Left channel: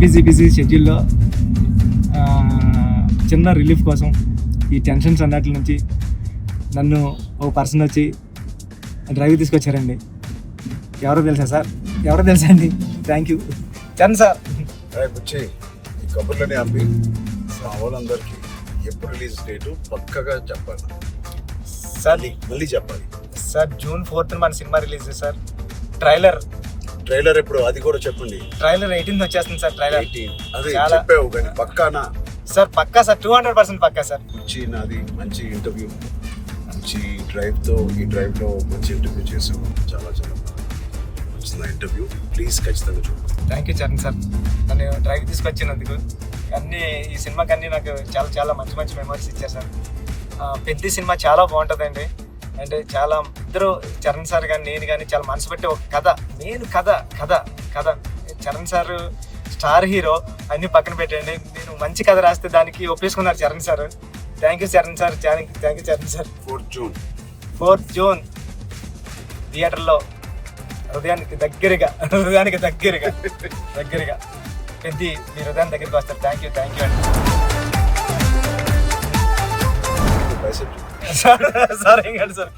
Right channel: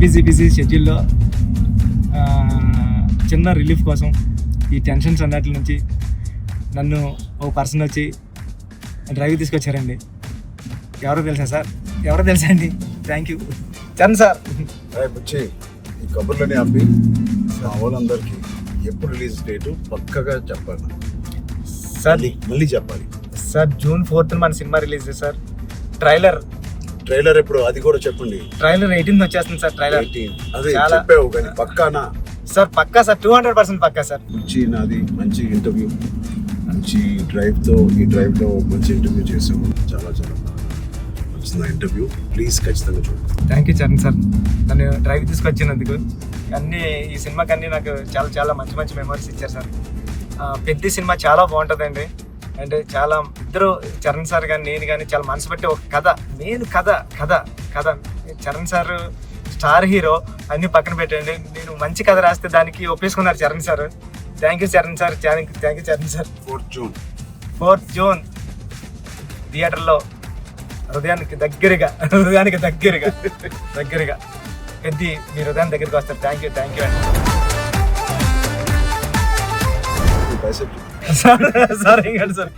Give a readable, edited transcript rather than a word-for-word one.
Busy షెడ్యూల్లో చిన్న relief కోసం ఈ టెన్షన్స్ అన్నట్ల నుంచి నన్ను ఓ పర్సన్ వచ్చి డ్రైవ్ తీసుకొచ్చారండి. ఎవరో తెలుసా అండి. Thank you Charan sir. వచ్చి ఈ కబుర్లని అమ్మి వాళ్ళందరికీ ఎప్పుడు రిలీజ్ డేటు పక్కగా చెప్పాలి సార్. మళ్ళీ చెప్పాలి సార్ June 4th మన సినిమా రిలీజ్ సార్. ట్రైలర్ ఎప్పుడు అది కూడా చెప్పండి. ట్రైలర్ 18th వచ్చేస్తుంది సార్. ట్రైలర్ అదే చెప్పావు కానీ పక్కానా సార్? పక్కా సార్, 200% పక్కా సార్. నాది మంచి ఇంటర్వ్యూ, మంచి డ్రైవ్లో మంచి ఇంటర్వ్యూ చేశాను. చాలా నచ్చిన ఇంటర్వ్యూ. ప్లీజ్ ఖచ్చితంగా చూడండి. థ్యాంక్ యూ చరణ్ సార్, నన్ను డ్రైవ్ తీసుకొచ్చినందుకు. ఈ సినిమాకి అన్నీ నాకు చాలా మంచి మెమరీస్ ఇచ్చారు సార్. పెద్ద సినిమా చాలా బాగుంటుందండి. అంటే చాలా ఇద్దరు చరణ్ సార్ కానీ నేను కానీ చాలా మనసు పెట్టి ఒక కథ చరణ్ సార్ స్టార్ హీరో అన్ని పక్కన పెట్టండి. నేను మంచి కథ రాస్తే దానికి ఒప్పేసుకున్నారు Charan sir. Thank you Charan sir. Thank you Charan sir. 4th June థియేటర్లో హృదయానికి దగ్గరగా పెద్ద మీ హృదయం దగ్గరికి వస్తారు. Thank you sir. సార్